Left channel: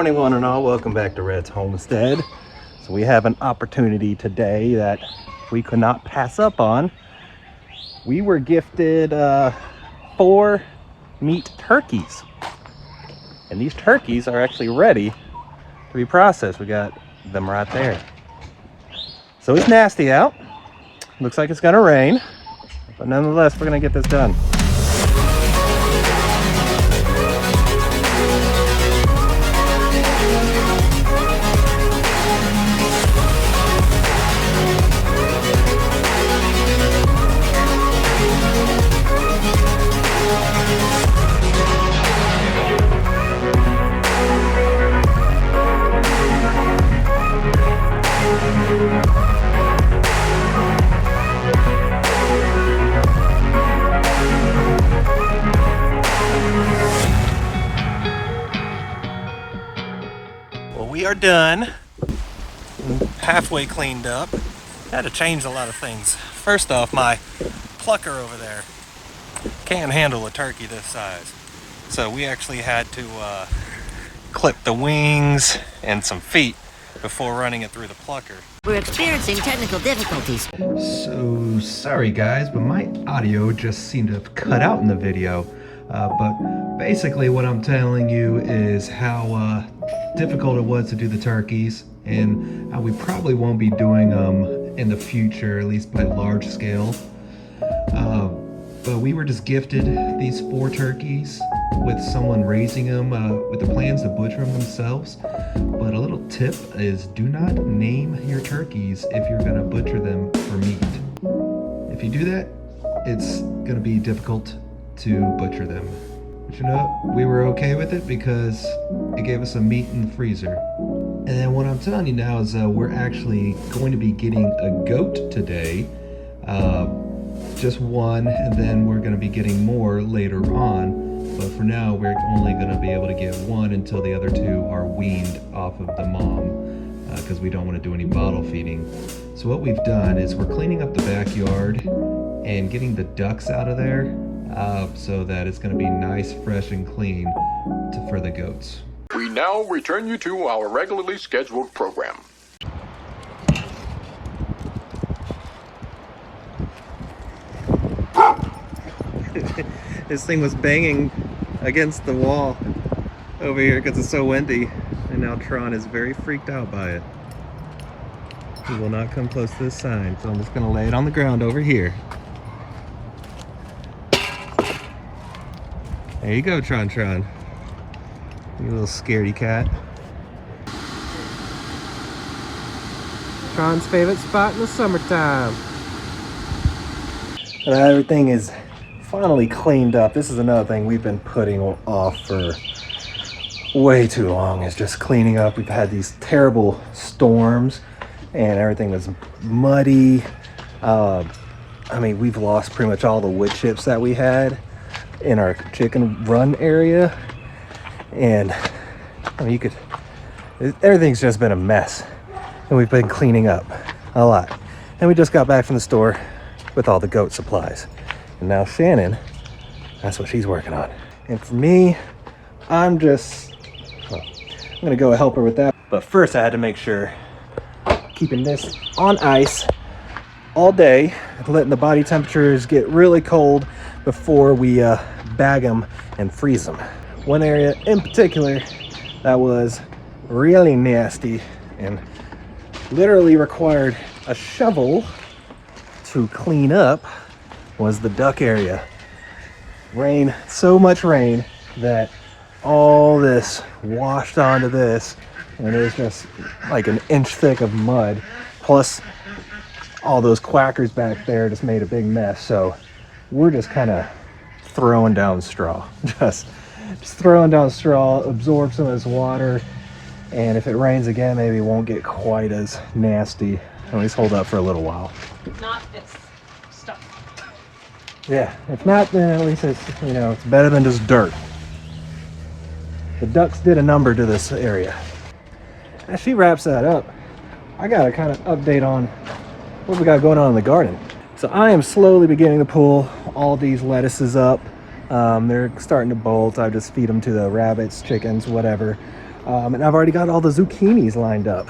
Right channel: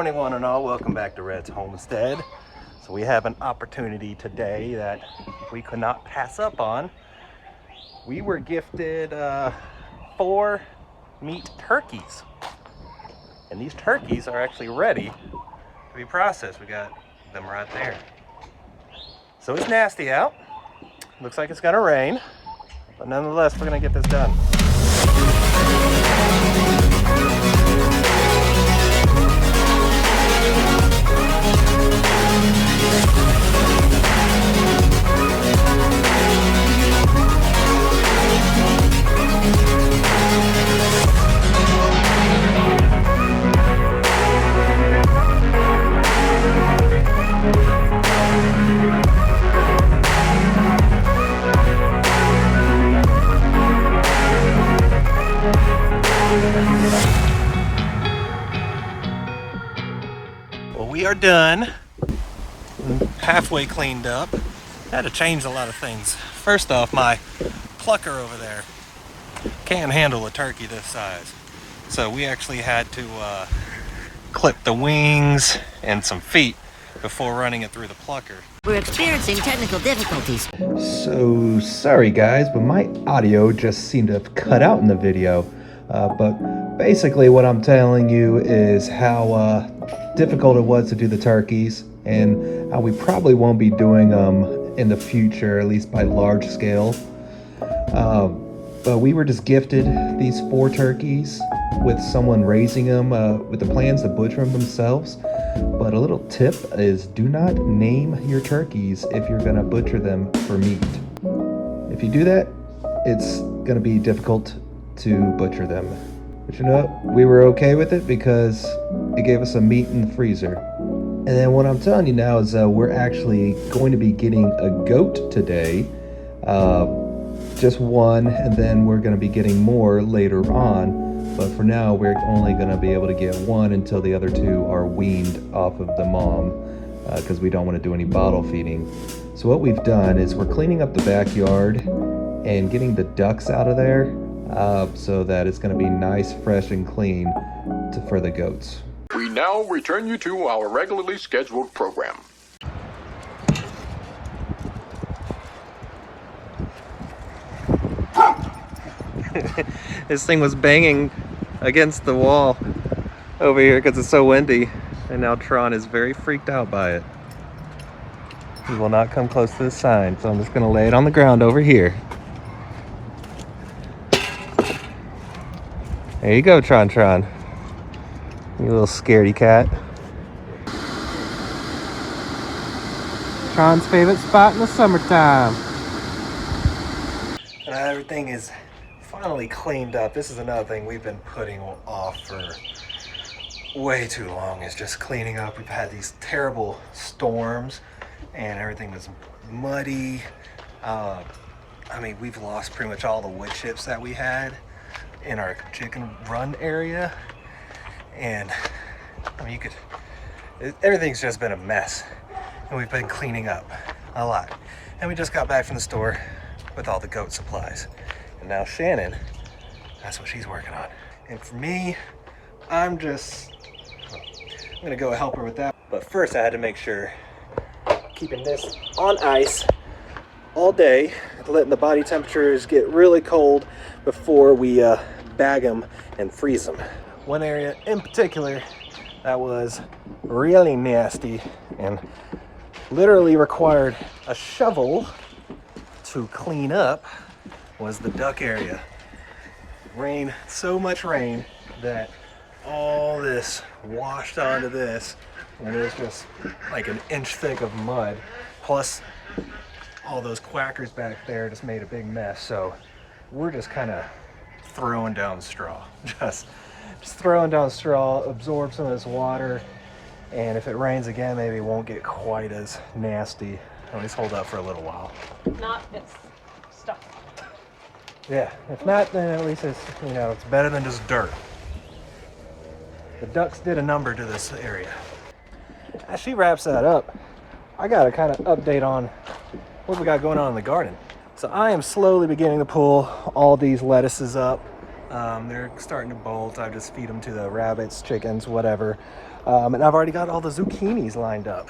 morning, one and all. Welcome back to Red's Homestead. So we have an opportunity today that we could not pass up on. We were gifted 4 meat turkeys, and these turkeys are actually ready to be processed. We got them right there. So it's nasty out. Looks like it's gonna rain, but nonetheless, we're gonna get this done. We are done. Halfway cleaned up. Had to change a lot of things. First off, my plucker over there can't handle a turkey this size. So we actually had to clip the wings and some feet before running it through the plucker. We're experiencing technical difficulties. So sorry guys, but my audio just seemed to have cut out in the video. But basically what I'm telling you is how difficult it was to do the turkeys, and how we probably won't be doing them in the future, at least by large scale. But we were just gifted these 4 turkeys with someone raising them with the plans to butcher them themselves. But a little tip is, do not name your turkeys if you're gonna butcher them for meat. If you do that, it's gonna be difficult to butcher them. But you know, we were okay with it because it gave us some meat in the freezer. And then what I'm telling you now is we're actually going to be getting a goat today. Just one, and then we're going to be getting more later on. But for now, we're only going to be able to get one until the other 2 are weaned off of the mom, because we don't want to do any bottle feeding. So what we've done is we're cleaning up the backyard and getting the ducks out of there, so that it's going to be nice, fresh, and clean for the goats. We now return you to our regularly scheduled program. This thing was banging against the wall over here because it's so windy, and now Tron is very freaked out by it. He will not come close to the sign, so I'm just going to lay it on the ground over here. There you go, Tron. You little scaredy cat. Tron's favorite spot in the summertime. Everything is finally cleaned up. This is another thing we've been putting off for way too long, is just cleaning up. We've had these terrible storms and everything was muddy. I mean, we've lost pretty much all the wood chips that we had in our chicken run area. And I mean, everything's just been a mess, and we've been cleaning up a lot. And we just got back from the store with all the goat supplies, and now Shannon, that's what she's working on. And for me, I'm gonna go help her with that. But first I had to make sure keeping this on ice all day, letting the body temperatures get really cold before we bag them and freeze them. One area in particular that was really nasty and literally required a shovel to clean up was the duck area. So much rain that all this washed onto this, and it was just like an inch thick of mud, plus all those quackers back there just made a big mess. So we're just kind of throwing down straw, just throwing down straw, absorb some of this water, and if it rains again, maybe it won't get quite as nasty. At least hold up for a little while. If not, it's stuck. Yeah, if not, then at least it's, you know, it's better than just dirt. The ducks did a number to this area. As she wraps that up, I gotta kind of update on what we got going on in the garden. So I am slowly beginning to pull all these lettuces up. They're starting to bolt. I just feed them to the rabbits, chickens, whatever. And I've already got all the zucchinis lined up,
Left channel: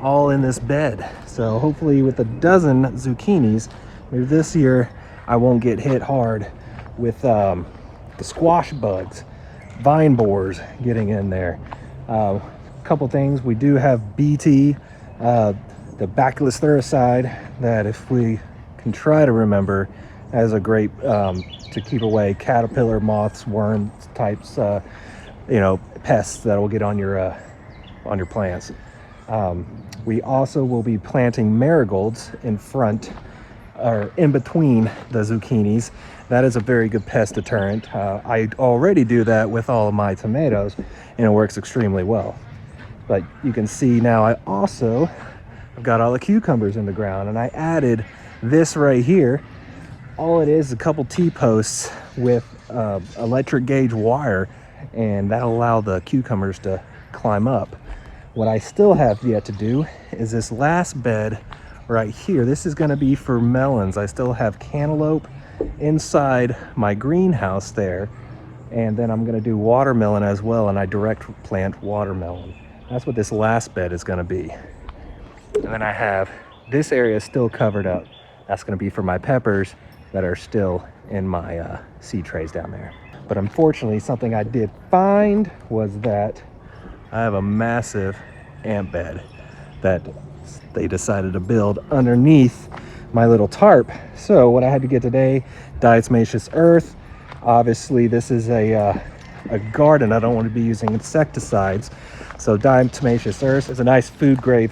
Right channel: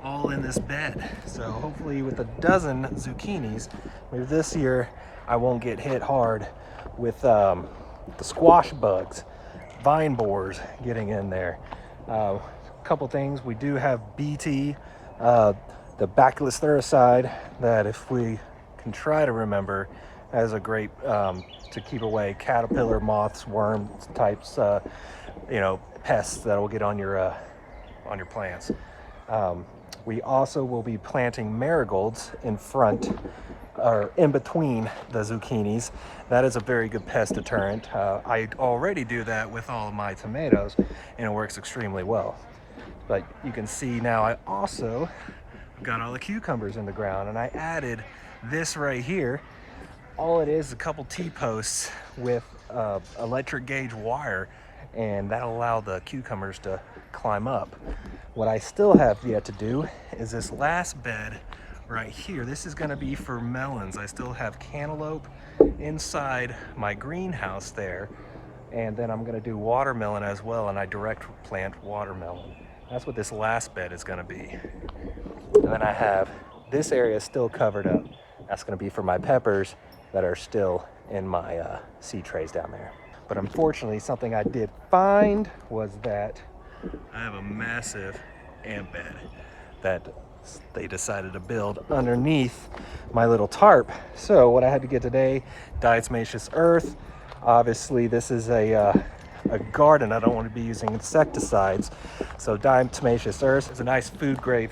all in this bed. So hopefully with a dozen zucchinis, maybe this year I won't get hit hard with the squash bugs, vine borers getting in there. Couple things, we do have BT, the Bacillus thuriside, that if we can try to remember, has a great to keep away caterpillar, moths, worms types, you know, pests that will get on your plants. We also will be planting marigolds in front or in between the zucchinis. That is a very good pest deterrent. I already do that with all of my tomatoes, and it works extremely well. But you can see now I've got all the cucumbers in the ground, and I added this right here. All it is a couple T-posts with electric gauge wire, and that'll allow the cucumbers to climb up. What I still have yet to do is this last bed right here. This is going to be for melons. I still have cantaloupe inside my greenhouse there, and then I'm going to do watermelon as well, and I direct plant watermelon. That's what this last bed is going to be. And then I have this area still covered up. That's going to be for my peppers that are still in my seed trays down there. But unfortunately, something I did find was that I have a massive ant bed that they decided to build underneath my little tarp. So what I had to get today, diatomaceous earth. Obviously, this is a garden. I don't want to be using insecticides. So diatomaceous earth is a nice food grade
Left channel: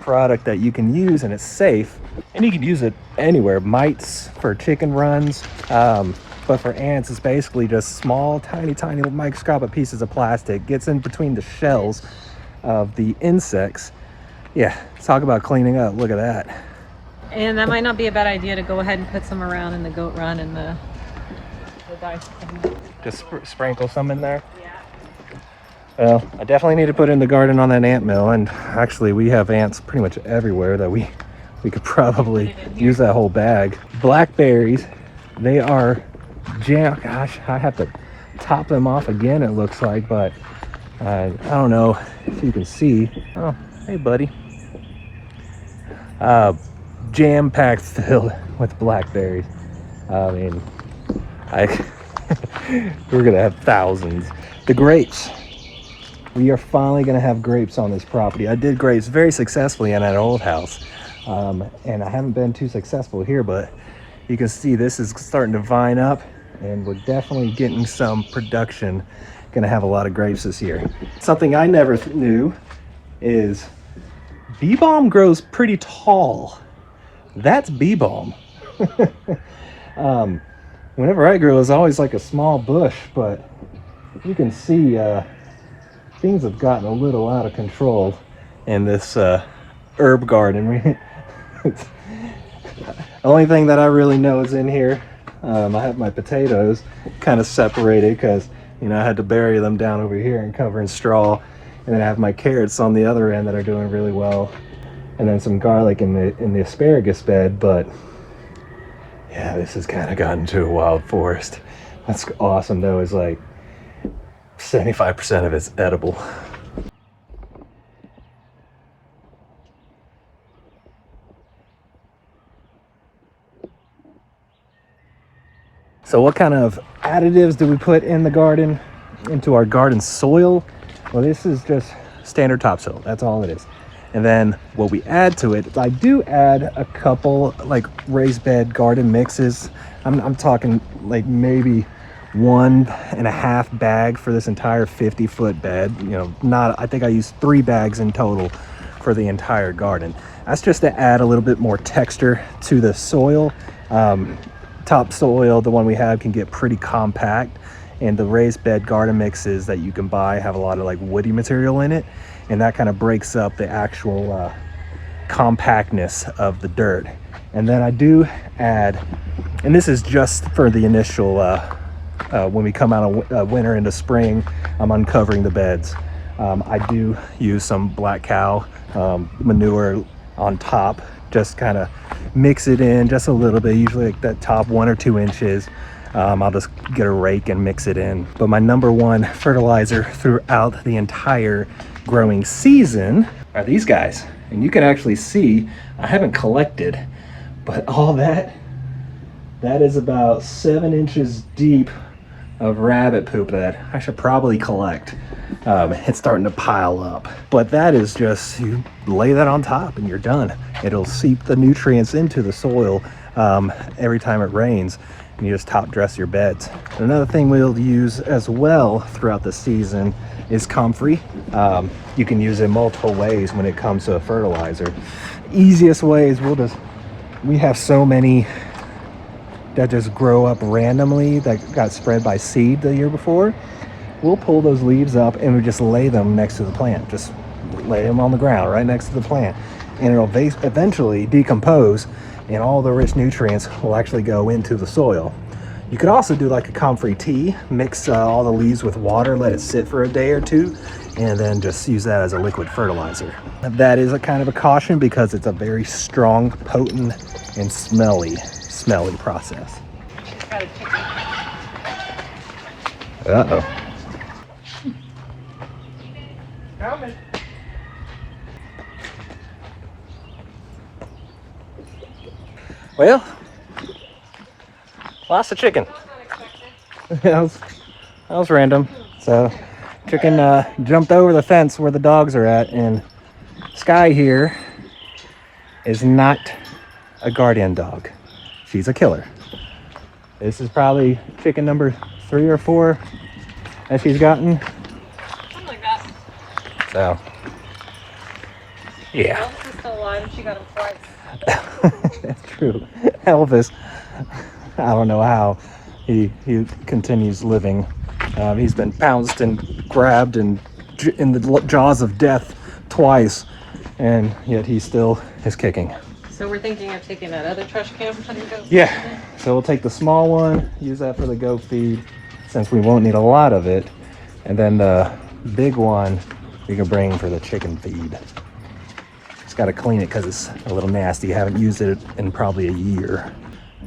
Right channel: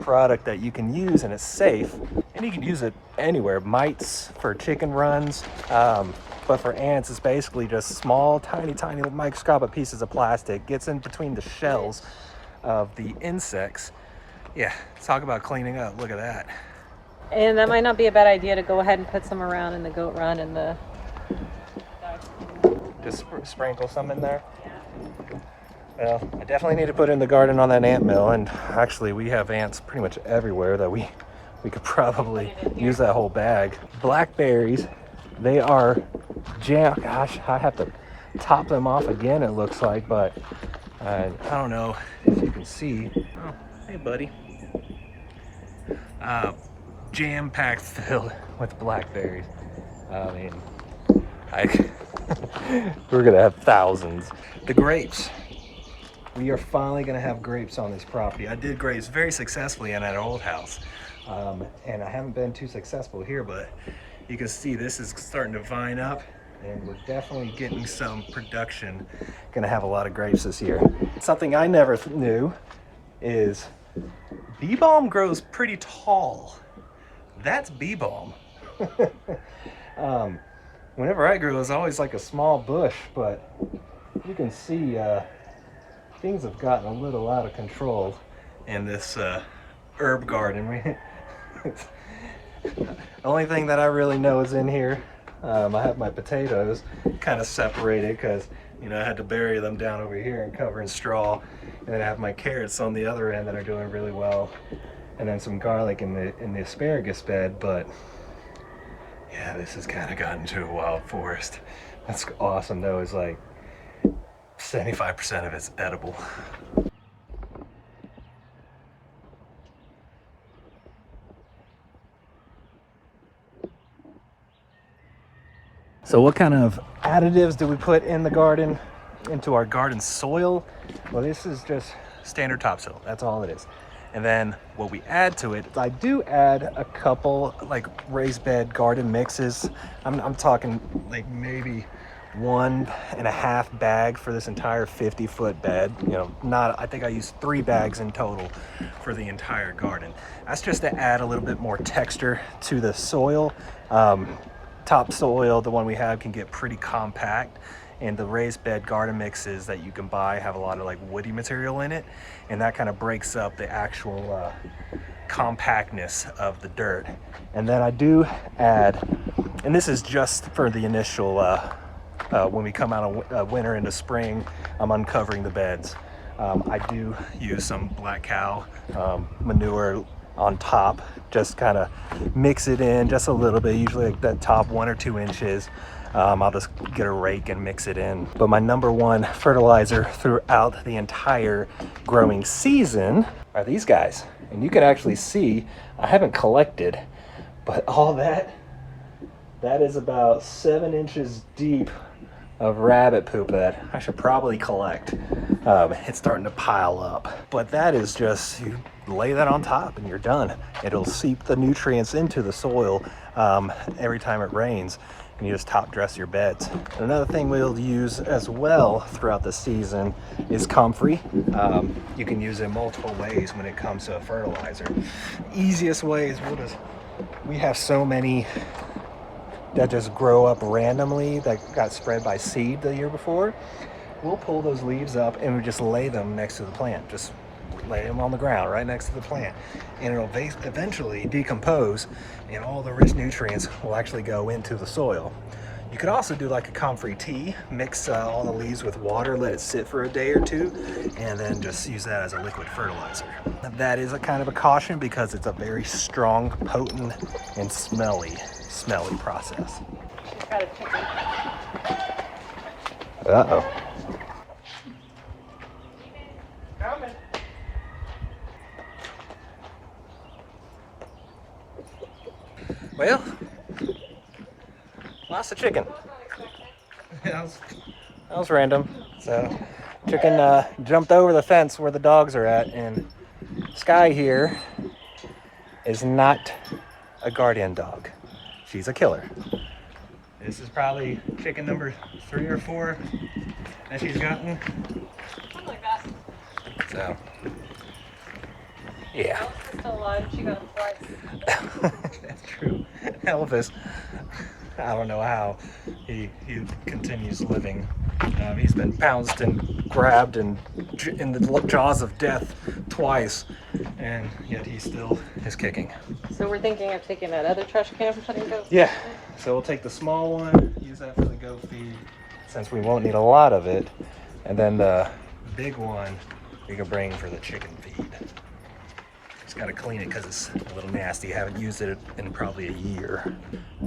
product that you can use, and it's safe. And you can use it anywhere. Mites for chicken runs. But for ants, it's basically just small, tiny microscopic pieces of plastic. Gets in between the shells of the insects. Yeah, talk about cleaning up. Look at that. And that might not be a bad idea to go ahead and put some around in the goat run and the dice. Just sprinkle some in there. Well, I definitely need to put in the garden on that ant mill. And actually, we have ants pretty much everywhere that we could probably use that whole bag. Blackberries, they are jam. Gosh, I have to top them off again, it looks like, but I don't know if you can see. Oh, hey buddy. Jam-packed filled with blackberries. I mean, we're gonna have thousands. The grapes, we are finally gonna have grapes on this property. I did grapes very successfully in that old house, and I haven't been too successful here, but you can see this is starting to vine up, and we're definitely getting some production. Gonna have a lot of grapes this year. Something I never knew is bee balm grows pretty tall. That's bee balm. Whenever I grew, it was always like a small bush, but you can see things have gotten a little out of control in this herb garden. The only thing that I really know is in here. I have my potatoes kind of separated because, you know, I had to bury them down over here and cover in straw. And then I have my carrots on the other end that are doing really well. And then some garlic in the asparagus bed. But yeah, this has kind of gotten to a wild forest. That's awesome though, is like 75% of it's edible. So what kind of additives do we put in the garden, into our garden soil? Well, this is just standard topsoil. That's all it is. And then what we add to it, I do add a couple like raised bed garden mixes. I'm talking like maybe 1.5 bag for this entire 50-foot bed. You know, not, I think I used 3 bags in total for the entire garden. That's just to add a little bit more texture to the soil. Topsoil, the one we have, can get pretty compact, and the raised bed garden mixes that you can buy have a lot of like woody material in it, and that kind of breaks up the actual compactness of the dirt. And then I do add, and this is just for the initial when we come out of winter into spring, I'm uncovering the beds. I do use some black cow manure on top, just kind of mix it in just a little bit, usually like that top 1 or 2 inches. I'll just get a rake and mix it in. But my number one fertilizer throughout the entire growing season are these guys. And you can actually see, I haven't collected, but all that is about 7 inches deep of rabbit poop that I should probably collect. It's starting to pile up, but that is just, you lay that on top and you're done. It'll seep the nutrients into the soil every time it rains, and you just top dress your beds. Another thing we'll use as well throughout the season is comfrey. You can use it multiple ways when it comes to a fertilizer. Easiest way is we have so many that just grow up randomly that got spread by seed the year before. We'll pull those leaves up and we just lay them next to the plant. Just lay them on the ground right next to the plant, and it'll eventually decompose, and all the rich nutrients will actually go into the soil. You could also do like a comfrey tea, mix all the leaves with water, let it sit for a day or two, and then just use that as a liquid fertilizer. That is a kind of a caution because it's a very strong, potent, and smelly process. Uh-oh. Coming. Well, lost a chicken. that was random. So, chicken jumped over the fence where the dogs are at, and Sky here is not a guardian dog. She's a killer. This is probably chicken number 3 or 4 that she's gotten. So, yeah. Elvis is still alive. She got him twice. That's true. Elvis, I don't know how he continues living. He's been pounced and grabbed and in the jaws of death twice, and yet he still is kicking. So we're thinking of taking that other trash can. Yeah. So we'll take the small one, use that for the goat feed, since we won't need a lot of it, and then the big one we can bring for the chicken feed. Just got to clean it because it's a little nasty. Haven't used it in probably a year.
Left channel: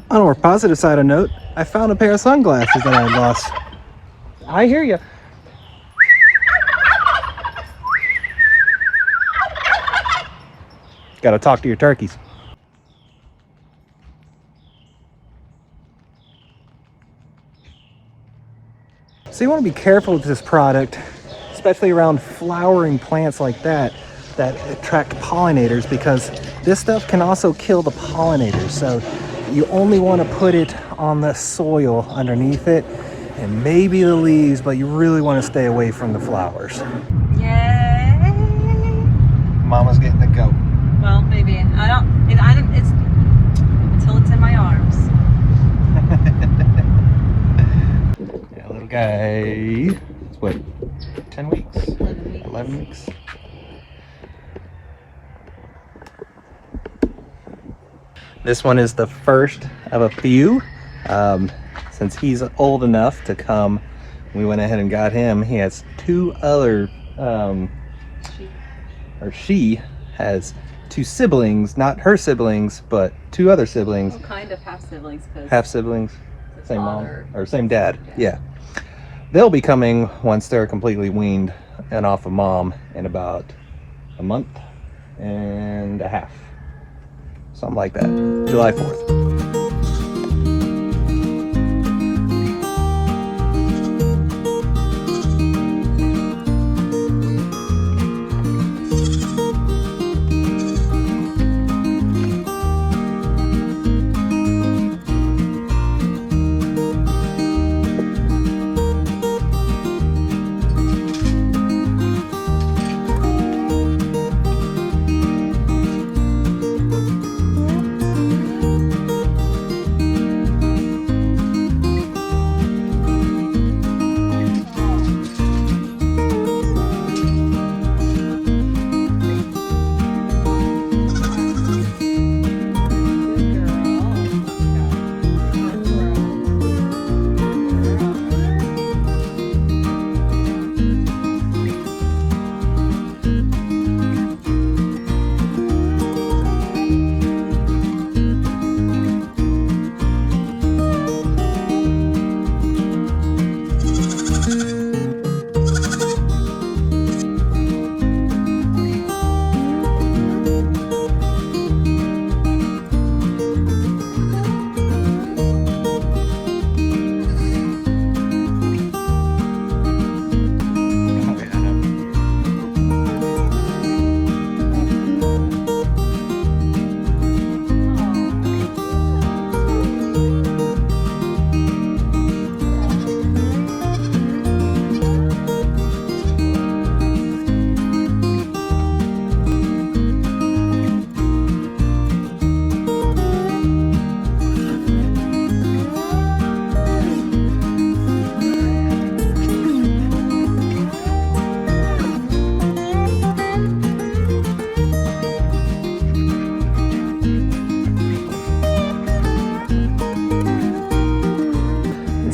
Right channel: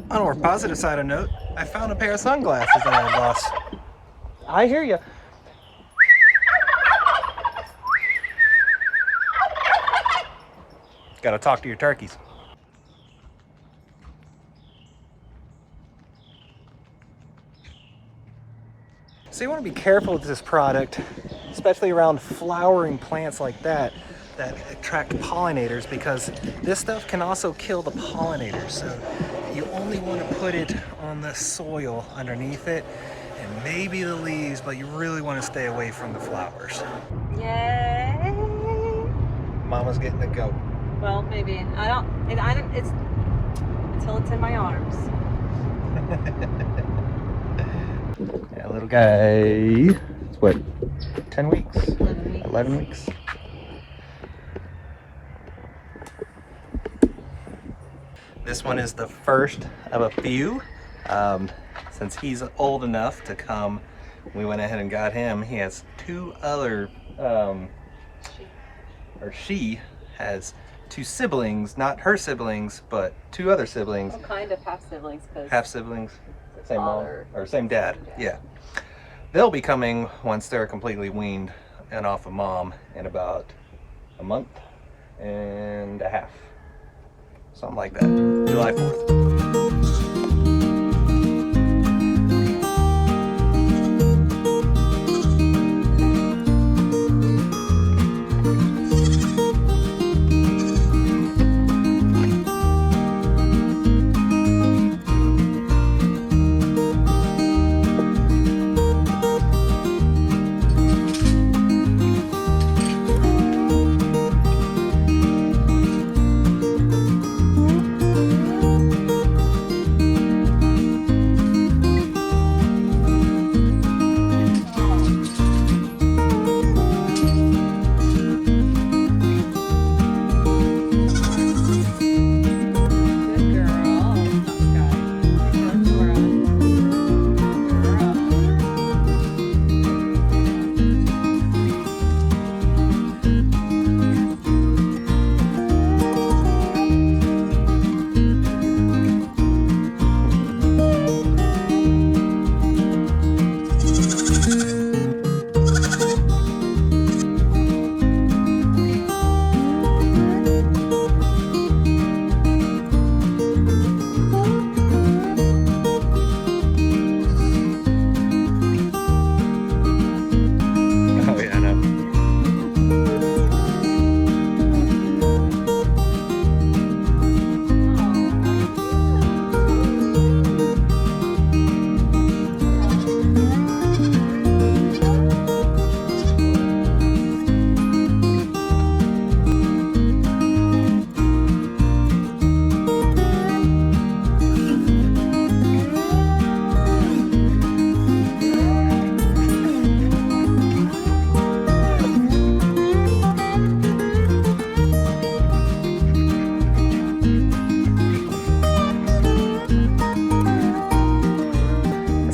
On a more positive side of note, I found a pair of sunglasses that I had lost. I hear you. Got to talk to your turkeys. So you want to be careful with this product, especially around flowering plants like that attract pollinators, because this stuff can also kill the pollinators. So you only want to put it on the soil underneath it and maybe the leaves, but you really want to stay away from the flowers. Yay! Mama's getting the goat. Well, maybe. It's until it's in my arms. Yeah, little guy. It's what, 10 weeks? 11 weeks. 11 weeks. This one is the first of a few. Since he's old enough to come, we went ahead and got him. He has 2 other, she has 2 siblings, not her siblings, but 2 other siblings. What kind of half siblings? Half siblings, same mom, or same dad, yeah. They'll be coming once they're completely weaned and off of mom in about a month and a half. Something like that, July 4th.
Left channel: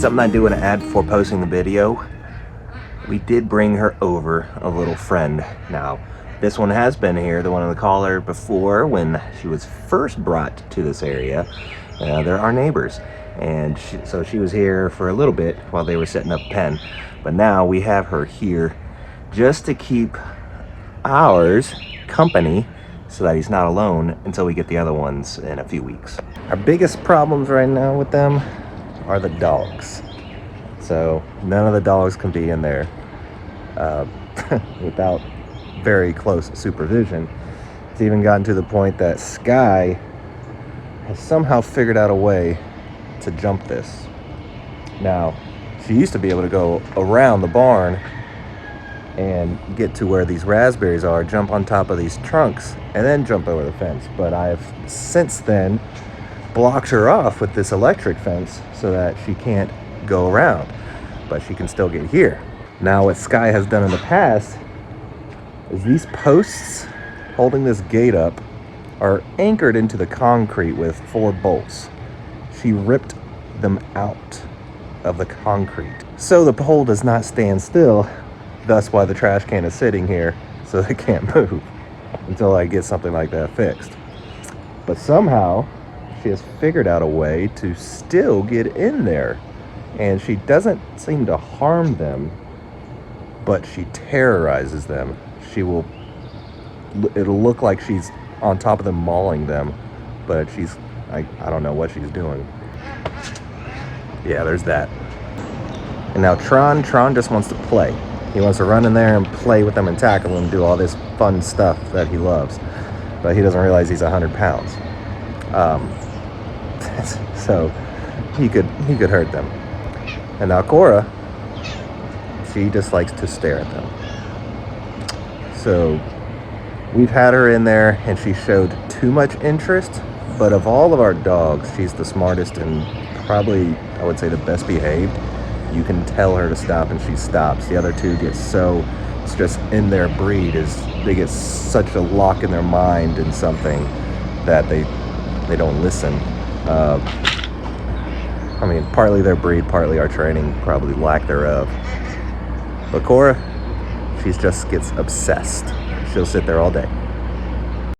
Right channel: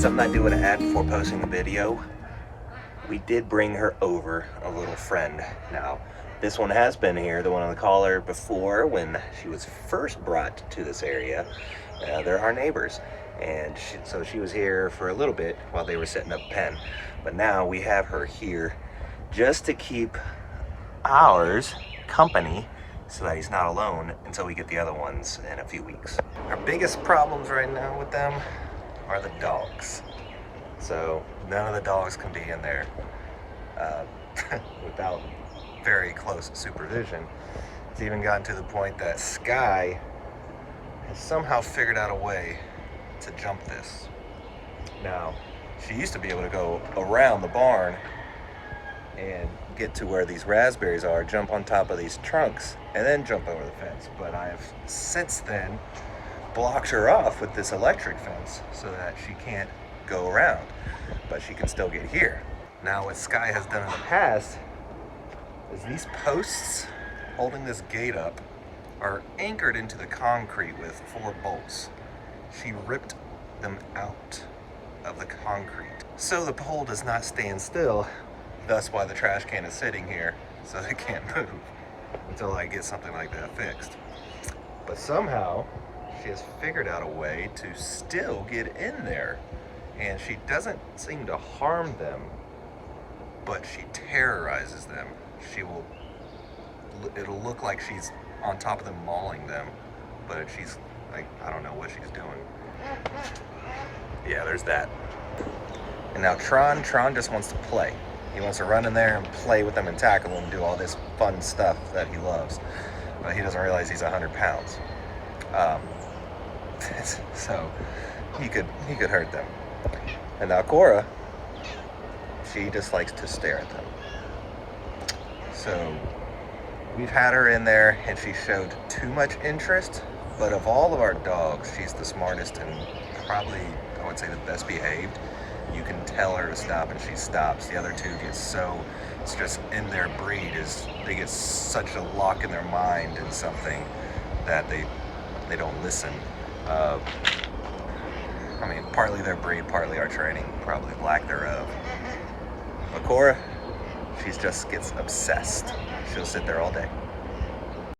Something I do an ad before posting the video. We did bring her over a little friend. Now, this one has been here, the one on the collar before when she was first brought to this area. They're our neighbors. And so she was here for a little bit while they were setting up a pen. But now we have her here just to keep ours company so that he's not alone until we get the other ones in a few weeks. Our biggest problems right now with them are the dogs. So none of the dogs can be in there without very close supervision. It's even gotten to the point that Sky has somehow figured out a way to jump this. Now, she used to be able to go around the barn and get to where these raspberries are, jump on top of these trunks, and then jump over the fence. But I've since then blocked her off with this electric fence so that she can't go around, but she can still get here. Now what Sky has done in the past is these posts holding this gate up are anchored into the concrete with 4 bolts. She ripped them out of the concrete. So the pole does not stand still, thus why the trash can is sitting here so they can't move until I get something like that fixed. But somehow she has figured out a way to still get in there, and she doesn't seem to harm them, but she terrorizes them. It'll look like she's on top of them mauling them, but I don't know what she's doing. Yeah, there's that. And now Tron just wants to play. He wants to run in there and play with them and tackle them, do all this fun stuff that he loves, but he doesn't realize he's 100 pounds. So he could hurt them. And now Cora, she just likes to stare at them. So we've had her in there and she showed too much interest, but of all of our dogs, she's the smartest and probably, I would say, the best behaved. You can tell her to stop and she stops. The other two get so, it's just in their breed, is they get such a lock in their mind in something that they don't listen. I mean, partly their breed, partly our training, probably lack thereof. But Cora, she just gets obsessed. She'll sit there all day.